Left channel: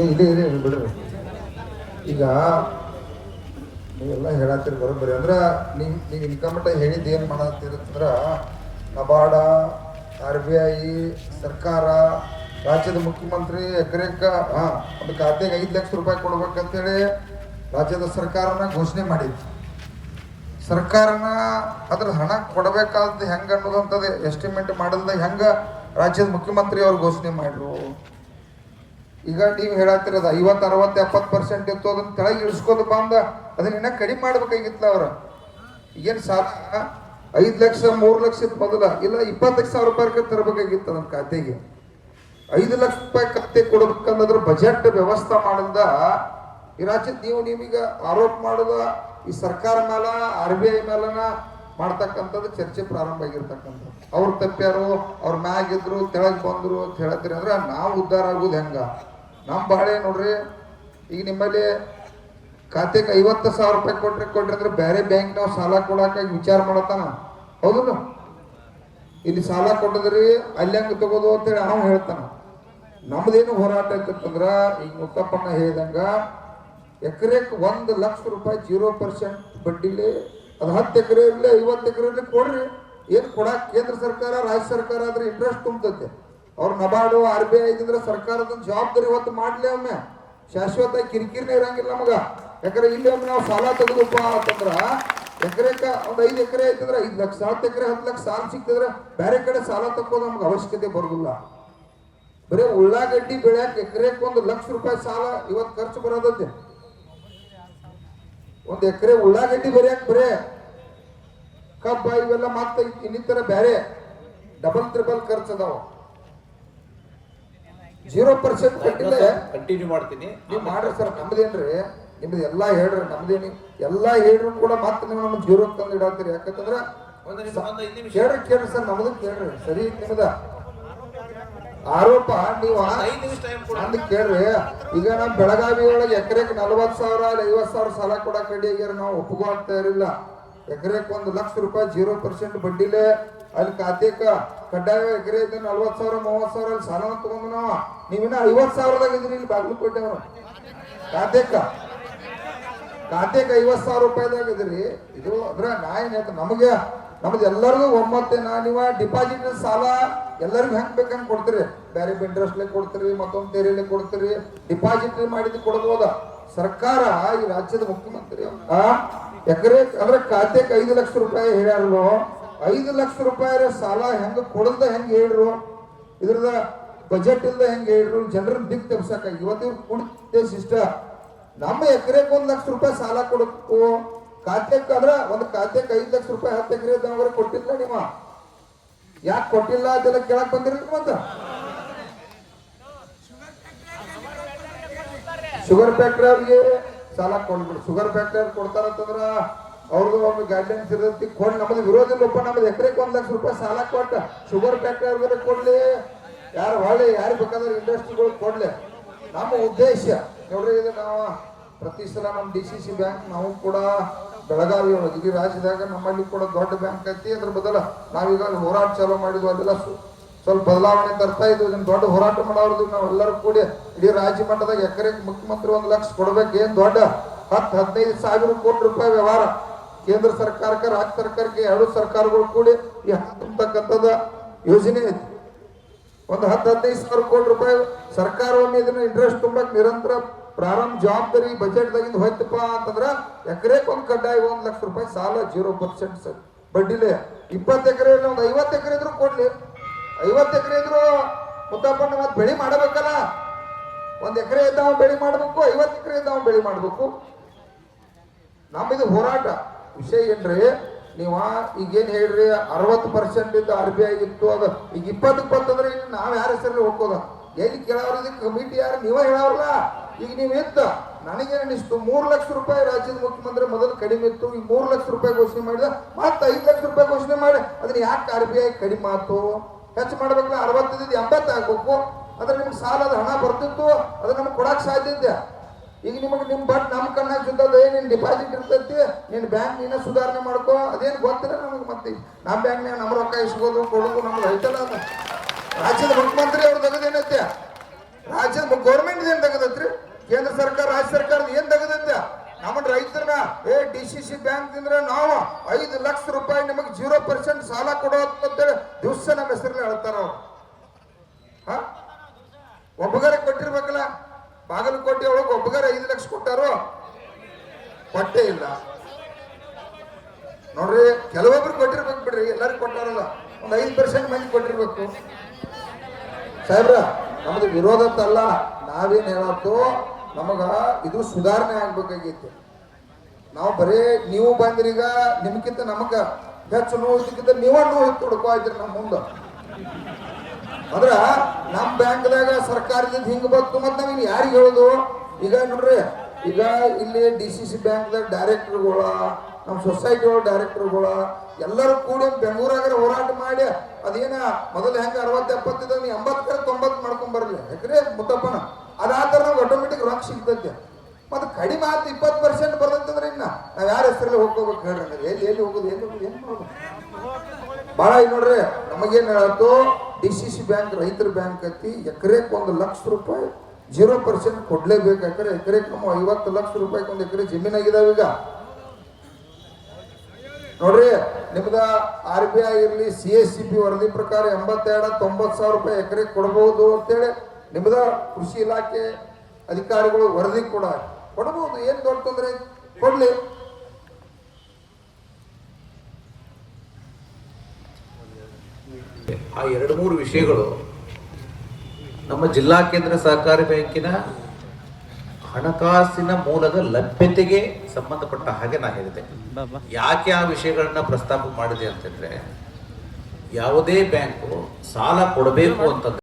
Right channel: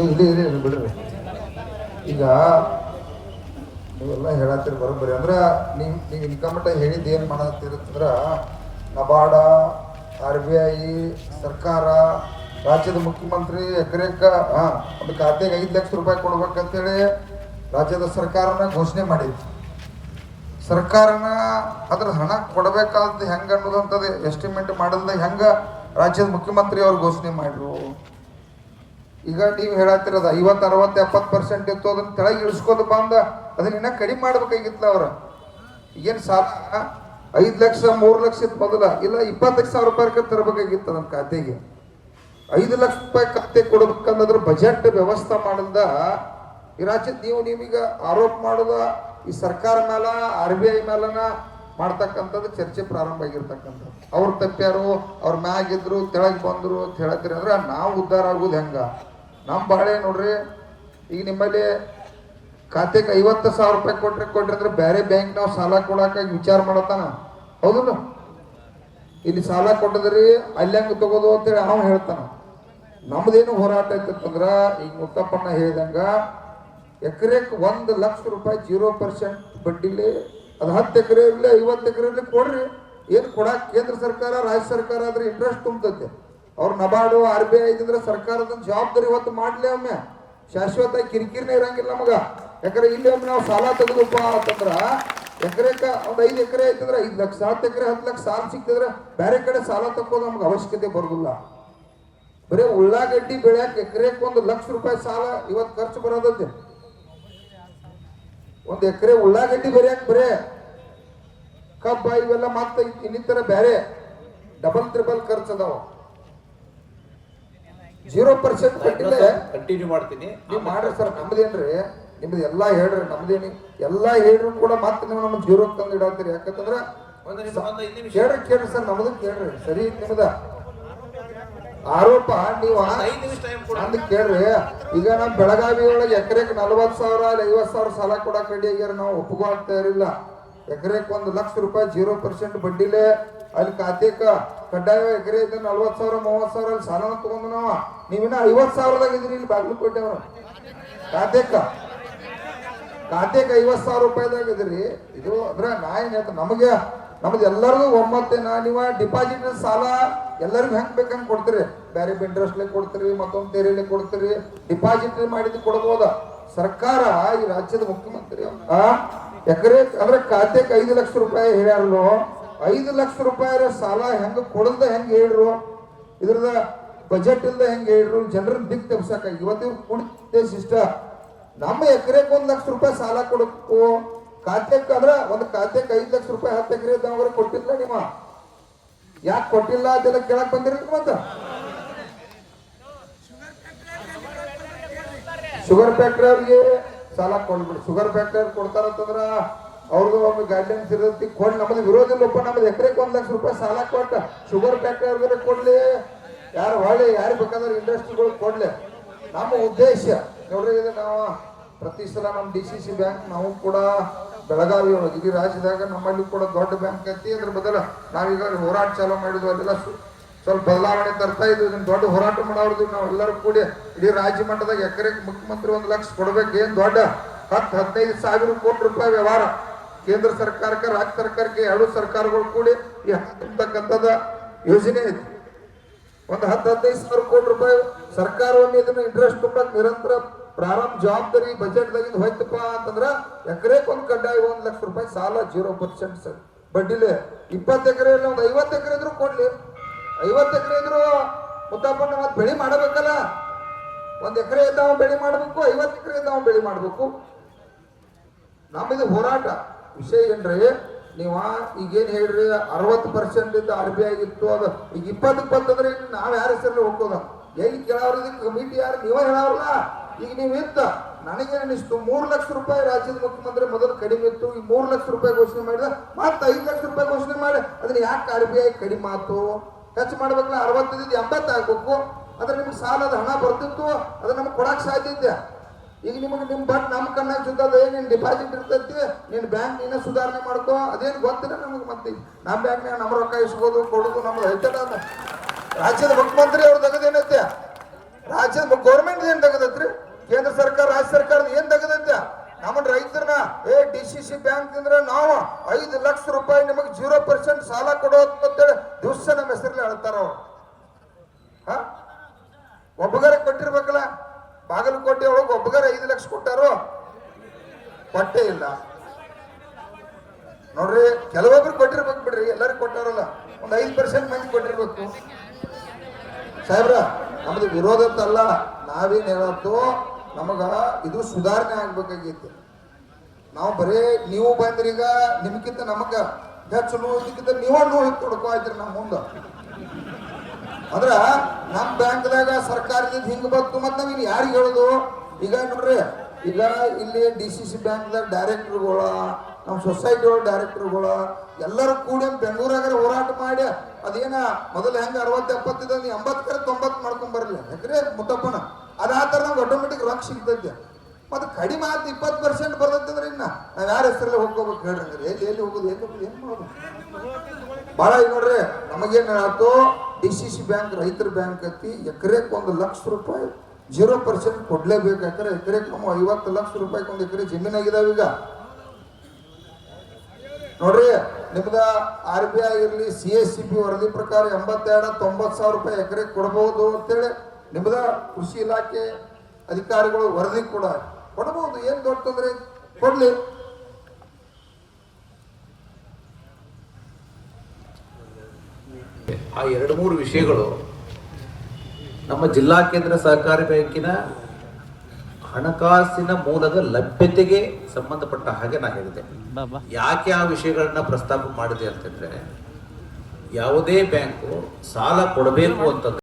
ಇಲ್ಲಿ ಬಿಡ್ರಿ. ಈಗ ನೀವೆಲ್ಲ ಹೇಳತ್ತೀರಿ ಬರೋಬ್ಬರಿ ಅಂದ್ರೆ ನೀವು ಇನ್ಕಮ್ ಮಟ್ಟ ಹೇಳಿದ್ದು ಏನು ಮಾಡತ್ತೀರಂದ್ರೆ ನಬಾರ್ಡ, RBI, ಸರ್ಕಾರ, ರಾಜ್ಯದ ಮುಖ್ಯಮಂತ್ರಿ ಎಕರೆಕ ಒಂದು ಖಾತೆಗೆ 5 ಲಕ್ಷ ರೂಪಾಯಿ ಕೊಡ್ಬೇಕಂತೇಳಿ ರಾಜ್ಯದ ಸರ್ಕಾರನ ಘೋಷಣೆ ಮಾಡಿತ್ತು. ಸರ್ಕಾರನ ಅದ್ರ ಹಣ ಕೊಡಬೇಕಾದ ಹೆಂಗೆ ಅನ್ನೋದಂಥದ್ದು ಎಸ್ಟಿಮೇಟ್ ಮಾಡಲ್ದ ಹೆಂಗೆ ರಾಜ್ಯದ ಮುಖ್ಯಮಂತ್ರಿ ಅವ್ರು ಘೋಷಣೆ ಮಾಡಿದ್ರು. ಈಗ ನೀವು ಹೇಳತ್ತಿರೋದು 50, 60, 70% ಇತ್ತು, ಅದನ್ನ ಕೆಳಗೆ ಇಳಿಸ್ಕೋದು ಬಂದ ಅದನ್ನ ಇನ್ನೂ ಕಡಿಮೆ ಮಾಡ್ಬೇಕಾಗಿತ್ತು. ಅವ್ರ ಏನು ಸಾಲ 5 ಲಕ್ಷ 3 ಲಕ್ಷ ಇತ್ತು ಮೊದಲ, ಇಲ್ಲ 20,00,000 ರೂಪಾಯಿ ತರಬೇಕಾಗಿತ್ತು ಅದನ್ನ ಖಾತೆಗೆ. 5 ಲಕ್ಷ ರೂಪಾಯಿ ಖಾತೆ ಕೊಡ್ಬೇಕನ್ನೋದ್ರ ಬಜೆಟ್ ವ್ಯವಸ್ಥೆ ಮಾಡಿದ ಈ ರಾಜ್ಯದ ನಿಮಗೆ ಆರೋಪ ಮಾಡೋದ ಈ ಸರ್ಕಾರ ಮೇಲ RBI ಮೇಲನ ಮಾಡ್ತಕ್ಕಂಥದ್ದು ಚರ್ಚೆ ಪ್ರಾರಂಭ ಆಗಿರ್ತಕ್ಕಂಥದ್ದು. ಅವ್ರು ತಪ್ಪ್ಯಾರು, ಅವ್ರ ಮ್ಯಾಗಿದ್ರು, ತೆಳಗೆ ಬಂದರು ಅಂತ ಹೇಳ್ತೀರಿ ಅಂದ್ರೆ ನಾವು ಉದ್ಧಾರ ಆಗೋದು ಹೆಂಗ? ನಮ್ಮ ಬಾಳೆ ನೋಡ್ರಿ, ಈಗ ನಿಮ್ಮಲ್ಲಿ ಖಾತೆಗೆ 50,000 ರೂಪಾಯಿ ಕೊಟ್ರಿ ಅಂದ್ರೆ ಬೇರೆ ಬ್ಯಾಂಕ್ ನಾವು ಸಾಲ ಕೊಡೋಕೆ ವಿಚಾರ ಮಾಡತ್ತಾನ, ಹೌದಲ್ಲ? ಇಲ್ಲಿ ಸಾಲ ಕೊಟ್ಟಿದ್ರಿ ಅಲ್ಲಿ ಹಂಗೆ ತಗೋದು ಅಂತೇಳಿ ನಾವು ಹೇಳ್ತಾನ. ನಮ್ದೇನು ಹೋರಾಟ ಐತಂದ್ರ ಈಗ ಮುತ್ತಪ್ಪಣ್ಣ ಹೇಳಿದಂಗ ಎಕರೆಗೆ 1 ಲಕ್ಷ ರೂಪಾಯಿ 0% ಬಡ್ಡಿಲಿ ಅದು 10 ಎಕರೆ ಇರಲಿ 50 ಎಕರೆ ಇರಲಿ ಕೊಡ್ರಿ. ಏನು ಕೊಡಕ್ಕೆ ಕೇಂದ್ರ ಸರ್ಕಾರ ರಾಜ್ಯ ಸರ್ಕಾರ ಆದ್ರೆ ಇಂಟ್ರೆಸ್ಟ್ ತುಂಬತೈತೆ. ಅವ್ರು ನಬಾರ್ಡು RBI ಇದ್ರೆ ಸರ್ಕಾರದ ಜವಾಬ್ದಾರಿ ಹೊತ್ತು ಮಾಡ್ಲಿ. ಒಮ್ಮೆ ಶಾಶ್ವತ ಕಿರಿಕಿರಿನೇ ಇರಂಗಿಲ್ಲ ನಮಗ. ಯಾಕಂದ್ರೆ ಇಲ್ಲಿ ಒಮ್ಮೆ ನಾವು ಸಾಲ ತೆಗೆದಪ್ಪ ಅಂತಂದ್ರ ಎಕರೆಕ ಒಂದು 5 ಎಕರೆ ಐತಂದ್ರೆ 5 ಲಕ್ಷ, 10 ಎಕರೆ 10 ಲಕ್ಷ ಸಾಲ ಸಿಕ್ತಿದ್ರೆ ಬೇರೆ ಕಡೆ ಸಾಲ ತಕ್ಕೋದು ನಮ್ಗೆ ಅವಶ್ಯಕತೆ ಬರೋದಿಲ್ಲ. ಬರೀ ಉಳ್ಳಾಗಡ್ಡಿ ಬೆಳ್ಯಾಕ ಎಕರೆಗೆ 1 ಲಕ್ಷ ರೂಪಾಯಿ ಸಾಲ ಇವತ್ತು ಖರ್ಚು ಬರೋದೈತೆ. 1 ಎಕರೆ ಉಳ್ಳಾಗಡ್ಡಿ ಬೆಳ್ಯಾಕ ಬರೇ ಕಬ್ಬ ಇವೆಲ್ಲ ಮತ್ತೆ ಇನ್ನಿತರ ಬೇರೆ ಡಬಲ್ ಟ್ರಿಬಲ್ ಖರ್ಚು ಅದಾವ. 0% ಕಟ್ಟಿಲ್ಲ. ಕಂಟಿನ್ಯೂ ಮಾಡ್ತೀನಿ, ನೀವು ಮಾಡ್ರಿ ಸರ್. ನಮ್ದೇನ್ರಿ ನಿಮ್ದು ಎಲ್ಲಾ ಹೇಳ್ರಿ, ನಮ್ದೇನಿ ಎಲ್ಲಾ ಹೇಳ್ರು ಕೂಡ ಮತ್ತೆ ನೀವು ನಮ್ಮ 0 ತಂದು ಇಡಾಕ್ತೀರಿ. ಯಾಕಂತಂದ್ರ ಕೇಳ್ರಿ ಸರ್, ನಮ್ದು ಕೇಳ್ರಿ. ಸರಿ ನಿಮ್ದ ಆರೋಪ ನೀವು ಅಂದ್ ಕೇಳ್ರಿ. ಈಗ ನಮ್ ಬೆಳಗಾವಿ ಒಳಗೆ ಎಕರೆಗೆ 40,000 50,000 ಸಾಲ ಕೊಡಕ್ ರೆಡಿ ಆಗ್ಯಾರ. ನಾವು ಒಪ್ಪಗೋ ಆಗ್ತಾ ಇರಲಿಲ್ಲ. ಎಕರೆಗೆ 1 ಲಕ್ಷ ರೂಪಾಯಿ 0% ಬಡ್ಡಿಲೆ ಅಲ್ಲಿ ಖಾತೆಕ ಕಡ್ಡಾಯ ಎಕರೆ 40,000 30,000 ಅಲ್ಲಿ ಸಾಲ ತಗೊಂಡು ನೀವಿನ್ನ 50,000ದಾಗ ಇದ್ರಿ. ಇಲ್ಲಿ ಬಾಗಲಕೋಟೆ ಅವ್ರು ಖಾತೆಕ 50,000 ರೂಪಾಯಿದಾಗ ಇದ್ರಿ. ಇದು ಅದ್ರ ನಾ ಏನ್ ಹೇಳ್ತ ನಮಗೆ ನಮ್ದು ಎಲ್ಲರಿಗೂ ಒಮ್ಮತ್ತೇನ ನೀವ ಡಿಪಾಸಿಟ್ ಸಾಲ ಎಲ್ಲರಿಗೂ ಹೆಂಗ್ ಬೇಕಂಗ್ ಕೊಡ್ತೀರಿ. ಬೇರೆ ಇಂಟ್ರೆಸ್ಟ್ಲೆ ಕೊಡ್ತೀರಿ, ಮತ್ತೊಂದು ತೆರೆಲೆ ಕೊಡ್ತೀರಿ. ಡಿಪಾಸಿಟ್ ಮಾಡಿದ್ದು ಕೊಡ್ಬೋದ. ಸರ್ಕಾರ ಈ ರಾಜ್ಯದ ಮುಖ್ಯಮಂತ್ರಿ ಎಕರೆ ಅಂದ್ರೆ ಖಾತೆಗೆ 5 ಲಕ್ಷ ರೂಪಾಯಿ ಹೇಳ್ಯಾರು. 5 ಲಕ್ಷ ರೂಪಾಯಿ ಸಾಲ ಹೆಂಗ ಕೊಡಲ್ದ ಹೆಂಗ್ ಹೇಳ್ರು, ಇದ್ರದ ಬಜೆಟ್ ಇಲ್ದ ಹೆಂಗ್ ಹೇಳ್ರು, ಜನರನ್ನ ದಿಕ್ ತಪ್ಸಕ ಇವತ್ತಿನ ಉದ್ದೇಶ ಇಷ್ಟ. ನಮ್ಮ ಎಕರೆಗೆ 1 ಲಕ್ಷ ರೂಪಾಯಿ ಸಾಲ ಕೊಡಬೇಕು ಖಾತೆಗೆ ಅಂದ್ರೆ ಒಂದು ಖಾತೆಗೆ 5 ಲಕ್ಷ ರೂಪಾಯಿ 10 ಎಕರೆ ಇದ್ದವ್ರೆ ಕೊಟ್ಟಿಲ್ಲ. ನಿಮ್ಮ ಯಾಕೆ ಕೊಟ್ಟಿಲ್ಲ ಅದೆಲ್ಲ ಕೇಳಕ್ ಬಂದಿರಲಿಲ್ಲ. ಮತ್ತೆ ಶುಗರ್ ಫ್ಯಾಕ್ಟ್ರಿ ಅವ್ರಿಗೆ ಸಾಲ ಕೊಡ್ಬಿಡು. ಶುಗರ್ ಫ್ಯಾಕ್ಟ್ರಿ ಅವ್ರು ಕೊಡ್ತಾರಂತಂದ್ರ ಅವ್ರದ್ದು ಒಂದು ಗೈಡ್ಲೈನ್ಸ್ ಇರುತ್ತೆ. ಕೊಡ್ ನಮ್ದು ವಿರೋಧ ಇಲ್ಲಪ್ಪ. ನಮ್ದು ಎಕರೆಗೆ 1 ಲಕ್ಷ ರೂಪಾಯಿ ಸಾಲ ಕೊಟ್ಟ ಶುಗರ್ ಫ್ಯಾಕ್ಟ್ರಿ ಅವ್ರಿಗೆ ಕೊಡ್ಲಿ, ಯಾರು ಹೊಳ್ಳಿ ಯಾರು ಬೇಕಾದ್ರೆ ಇಂಡಸ್ಟ್ರಿಗಳು ಕೊಡ್ಲಿ. ನಮ್ಮ ಉದ್ದೇಶ ನೋಡ್ರಿ, ಇದು ನಾವು ಪ್ರತಿ ಸಲ ನಮ್ಮ DCC ಬ್ಯಾಂಕ್ ನಾವು ಕೂಡ ಬೆಳಗಾವಿ ಒಳಗೆ ಇಡೀ ರಾಜ್ಯದಾಗ ನಮ್ಮಲ್ಲಿ ಕೂಡ ದೊಡ್ಡ ಬ್ಯಾಂಕ್ ಐತಿ. ಅದ್ರ ಬದಲ ನಾವೀಗ ಹೋರಾಟ ಚಾಲೂ ಮಾಡಿದ್ವಿ. ಅದೆಲ್ಲ ಸ್ವಲ್ಪ ಬದಲಾವಣೆ ತರ್ತಾ ಇದ್ವಿ. ಇದನ್ನ ದೊಡ್ಡ ಹೋರಾಟ ಮಾಡೋದು ನಾವೆಲ್ಲರೂ ಕೂಡಿ ಇಡೀ ರಾಜ್ಯ ಮಟ್ಟದಾಗ ಎಕರೆಗೆ ಮುಖ್ಯಮಂತ್ರಿ 1 ಲಕ್ಷ ಕೊಡ್ಬೇಕು. ಏನ್ ದೊಡ್ಡ 10-15 ಸಾವಿರ ಕೋಟಿ ರೂಪಾಯಿ ವ್ಯವಹಾರ ಕೇಂದ್ರ ಸರ್ಕಾರಕ್ಕೆ ರಾಜ್ಯ ಸರ್ಕಾರಕ್ಕೆ 2 ಸರ್ಕಾರಗಳು ಕೂಡಿ ಈ ತುಂಬತಕ್ಕಂಥದ ಯೋಜನೆ ಐತಿ. ಒಂದು 10-15 ಸಾವಿರ ಕೋಟಿ ರೂಪಾಯಿ ಸರ್ಕಾರ ಒಮ್ಮೆ ಇದನ್ನ ಇಂಟ್ರೆಸ್ಟ್ ತುಂಬಕ್ ನಿರಂತರ ಪ್ರಾರಂಭ ಜವಾಬ್ದಾರಿ ಬಜೆಟ್ ದಾಗಿಂದ ಹೋಯ್ತಪ್ಪ ಅಂತಂದ್ರ ಎಕರೆಗೆ ಒಂದು ಕಡ್ಡಾಯ 1 ಲಕ್ಷ ರೂಪಾಯಿ ಸಾಲ 0% ಬಡ್ಡಿಲೆ. 20 ಎಕರೆ ಒಂದು 50 ಎಕರೆ ಇದ್ರು ಕೊಡ್ಲಿ. 50 ಎಕರೆ ಇದ್ರು ಮುದ್ದಪ್ಪಣ್ಣ ಮತ್ತೆ ಬೆಳೆ ಮಾಡಬೇಕಲ್ಲ. 1 ಎಕರೆ ಇದ್ದಾವ ಬೆಳೆ ಮಾಡ್ಬೇಕು, 50 ಎಕರೆ ಇದ್ದಾವ ಬೆಳೆ ಮಾಡ್ಬೇಕು. ನಮ್ಮದು ಹೋರಾಟ ವಿಷಯ ಏನ್ರಿ, ನೀವ ಈಗೇನ್ ಹೇಳ್ರಿ 60% ಇದ್ದ RBI ಇತ್ತು, ಅದು ಈಗ 20 ಅಂದ್ರೆ ಇನ್ನು ನಾವ್ ಯಾರ ಹೆಸರಲ್ಲಿ ಹೋಗೋದ ಎಲ್ಲಿ ಕೇಳವ್ರ ಕಮಿಟಿ ಯಾರು ನೀವ ಹೇಳವ್ರಲ್ಲ. ಈಗ ನೀವ್ ಇತ್ತ ನನಗೇನಿಸ್ತು 3 ಲಕ್ಷ ರೂಪಾಯಿ ರಾಜ್ಯದ ಮುಖ್ಯಮಂತ್ರಿ ಮೊದಲು ಕಡಿಮೆ ಇತ್ತು, ಈಗ 3 ಲಕ್ಷ ರೂಪಾಯಿ ಘೋಷಣೆ ಮಾಡಿದ, ಮತ್ತೆ 5 ಲಕ್ಷ ರೂಪಾಯಿ ಘೋಷಣೆ ಮಾಡಿ ಅದನ್ನ ಯಾಕೆ RBI ಕಡಿಮೆ ಆತು? ಹೆಚ್ಚು ಮಾಡ್ಬೇಕಲ್ಲ. 60 80 ಆಗ್ಬೇಕು. ಅದ್ರ ನಿಮ್ಗೆ ಸಾಲದ ಹಣ ಬರ್ತಿತ್ತು, ಅದು ನಮ್ಗೆ ಕೊಡಕ್ ಸಾಧ್ಯ ಇದೆ. ಈಗ ನಿಮಗೆ ನಿಮ್ ಬಟ್ ನಮ್ ಕಣ್ಣಾಗ ಸುತ್ತದ ಏನ್ ಡಿಪಾಸಿಟ್ ಇರ್ತೈತಿ, ನೀನ್ ಬ್ಯಾಂಕ್ ನೀನೇ ಸುಧಾರಣೆ ಮಾಡ್ಕೋ, ಅದೇನ್ ಗೊತ್ತಿಲ್ಲ ನಮಗೆ. ಮತ್ತೆ ನಮ್ಮ ಬ್ಯಾಂಕ್ನಾಗ ನಮ್ಮ ರೊಕ್ಕ ಇಸ್ಕೋದು ಕೊಡೋದು ನಮ್ಗೆ ಐತಲ್ಲ. ರಾಜ್ಯದ ಮುಖ್ಯಮಂತ್ರಿ ಅವ್ರ ತೆಗೆದೇನೈತೆ ರಾಜ್ಯದ ಗೌರ್ಮೆಂಟ್ ಏನ್ ತಗದತ್ರಿ? ಕೇಂದ್ರ ಸರ್ಕಾರ ರಾಜ್ಯ ಸರ್ಕಾರದ ಏನ್ ತಗದೈತೆ? ನಮ್ಮ ರೈತರನ್ನ DCC ಬ್ಯಾಂಕ್ ಅಂದ್ರೆ ನಾವು 5 ಲಕ್ಷ ರೂಪಾಯಿ ನಿಮಗೆ 0% ಸಾಲ ಕೊಡೋಅಂತೇಳಿ ದಿವಸ ನಮ್ಮ ಹೆಸರಲ್ಲಿ ಹೇಳ್ತಾರ ಅವ್ರು. ಒಬ್ಬಗರ ಕೊಟ್ಟಿರ್ಬೇಕಲ್ಲ. ಬಾಗಲಕೋಟೆ ಒಳಗೆ ಒಬ್ಬಗರ 5 ಲಕ್ಷ ಕೊಟ್ಟಾರು, ಕೊಟ್ಟೇ ಇಲ್ಲ ನೋಡ್ರಿ. ಕೆಲವೊಬ್ರು ಕೊಟ್ಟಿರ್ಬೇಕು ಬಿಡ್ರಿ, ಎಲ್ಲರೂ ಕೊಟ್ಟಾರಲ್ಲ. ಒಂದು 5% ಮಂದಿ ಕೊಟ್ಟಿರ್ಬೇಕು. ಸಾಹೇಬ್ರ, ನಮ್ದು ವಿರೋಧ ಅಲ್ಲ, ನಾವೇನ್ ಹೇಳತ್ತು, ನಮಗ ಇದು ಸುಧಾರಣೆ ಆಗ್ಬೇಕಾಗಿತ್ತು. ನಾವು ಬರೇ ನೀವು ಬಂದ್ರೀಗ ನಿಮ್ಗಿಂತ ನಮಗ ಹೆಚ್ಚು ನೋವು ಇದಕ್ಕಿಂತ ನೀವ ನೋವು ತೊಡ್ಕೋ ಆಯ್ತ್ರಿ ನಮ್ಮ ಮುಂದ. ಅಂದ್ರ ನಮ್ ಬ್ಯಾಂಕ್ದಾಗ ಸರ್ಕಾರದಿಂದ ಹಿಂಗ ಬಂತು ಮತ್ತೆ ನಾವೇನು ಯಾರಿಗೆ ಹೇಳುದು? ಈಗ ನೋಡ್ರಿ, ಈಗ ಇಲ್ಲಿ DCC ಬ್ಯಾಂಕ್ದಾಗ ಡೈರೆಕ್ಟರ್ಗಳ, ನಮ್ಮ ಸೊಸೈಟಿ ಒಳಗೆ ಡೈರೆಕ್ಟರ್ಗಳ ಎಲ್ಲರೂ ಕೂಡಿ ಬೆಂಗಳೂರಾಗ ಹೋರಾಟ ಮಾಡಿ ಅದೇನ ಮೊದಲು ಹೆಂಗ 60-70 80-90 ಮಾಡ್ಕೊಂಡ್ ಬರ್ಲಿ ಯಾಕ್ರೆ ಮುತ್ತಪ್ಪನ ಅದಾತರ ನಮ್ಗೆ ಆಟೋಮೆಟಿಕ್ ರೊಕ್ಕ ಸಿಗ್ತೈತೆ. ಮತ್ತೆ ಕಡಿಮೆ ಆದ 20% ಬರ್ತಂದ್ರೆ ಇನ್ನ ನಾವ್ ಯಾರ ಹೆಸರಲ್ಲಿ ಹೋಗ್ಕೋಬೇಕು ಹೇಳ್ರಿ? ಎಲ್ಲಿ ಹೋಗುದು, ಏನ್ ಮಾಡೋದು? ಬಾಳ ಈಗ ನೋಡ್ರಿ, ನಮಗೇನ್ ಹೇಳತ್ತು, DCC ಬ್ಯಾಂಕ್ ರೈತರ ಬ್ಯಾಂಕ್ ಐತಿ. ಎಕರೆಕ್ 1 ಲಕ್ಷ ರೂಪಾಯಿ 0% ಕೊಡ್ಲೇಬೇಕು. ಯಾಕಂದ್ರೆ ಎಕರೆಕ್ ನಮ್ಮ 50 ಲಕ್ಷ ರೂಪಾಯಿ ಒಂದು ಎಕರೆ ಜಮೀನಾಗಿದಾವ. ಈಗ ನೋಡ್ರಿ, ನಿಮ್ದ RBI ಇರ್ಲಿ, CSCB ವರದಿ ಪ್ರಕಾರ 82-90 ಸಾವಿರ ರೂಪಾಯಿ ಎಕರೆ ಕೊಡಬಹುದು ಅಂತೇಳಿ ನಿಮ್ದ ಕೃಷಿ ಇಲಾಖೆ ಅಧಿಕಾರಿಗಳು ವರದಿ ಕೂಡ ಕೊಡಬಹುದು. ಏನ್ ದೊಡ್ಡ ತೊಂದ್ರೆ, ಕೊಡ್ಲಿ. ಆ 2-3 ವಿಷಯಗಳು ನಮ್ಮ ಜಿಲ್ಲಾ ಕೇಂದ್ರ ಸಹಕಾರಿ ಬ್ಯಾಂಕಿನ ಹಣಕಾಸಿನ ಮೂಲದ ಲಭ್ಯತೆಗೆ ಸಂಬಂಧಪಟ್ಟ ಹಾಗೆ ನಾ ಹೇಳಿದೆ. ಯಾಕೆ ಆ ವಿಷಯಗಳನ್ನ ಪ್ರಸ್ತಾಪ ಮಾಡಿದೆ ಅಂತಂದ್ರೆ, ಯಾವುದೇ ಬ್ಯಾಂಕು ಸಾಲ ಕೊಡಬೇಕು ಅಂತಂದ್ರೆ